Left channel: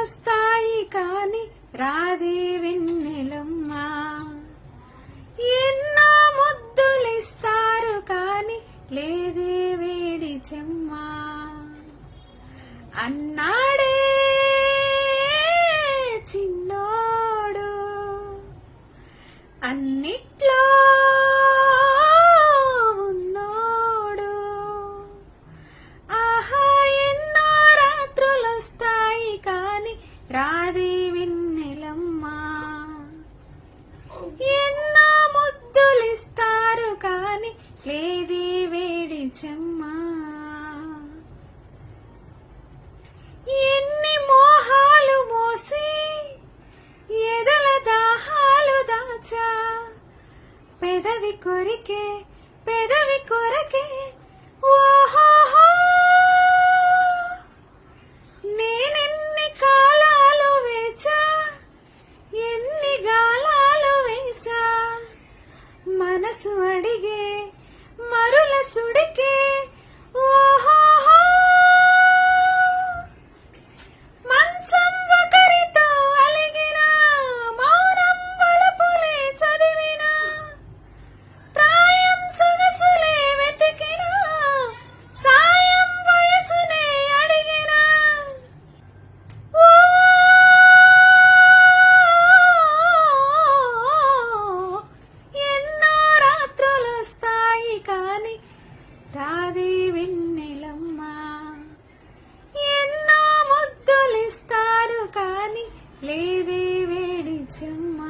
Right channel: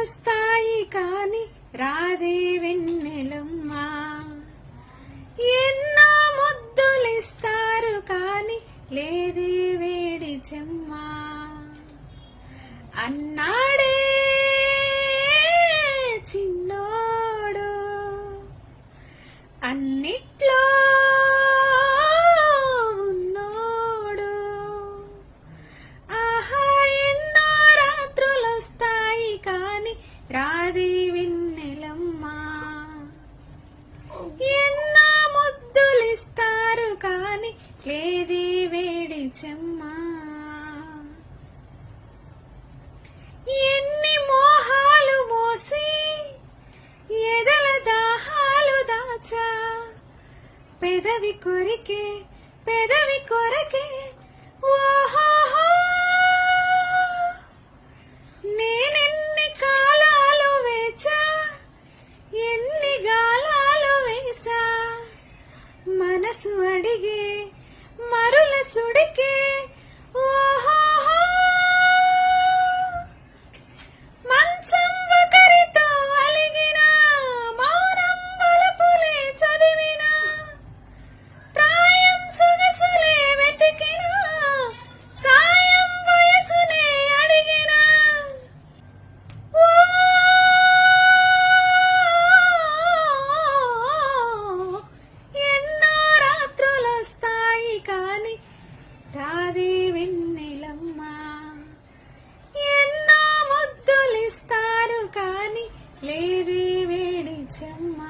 రాత్రులొస్తాయి కాని రాదే వెన్నెలమ్మ. ఎన్నో ముద్దులిస్తారు కాని లేదే వేడి చెమ్మ. అన్నాడే చిన్నోడు అన్నిట్లో ఉన్నోడు. ఆహా ఎన్నో రాత్రులొస్తాయి కాని రాదే వెన్నెలమ్మ. ఎన్నో ముద్దులిస్తారు కాని లేదే వేడి చెమ్మ. ఎన్ని మోహాలు మోసి ఎదల దాహాలు దాచా. పెదవి కొరికే పెదవి కొరకే ఓహో నేనెన్ని కాలాలు వేచా. ఎన్ని గాలాలు వేసా. మనసు అడిగే మరుల సుడికే ఓహో మంచం ఒకరితో అలిగిన మౌనం వలపులే చదివిన ప్రాయం సొగసులే వెతికిన సాయం వయసునే అడిగిన ఎన్నో రాత్రులొస్తాయి కాని రాదే వెన్నెలమ్మ. ఎన్నో ముద్దులిస్తారు కాని లేదే వేడి చెమ్మ.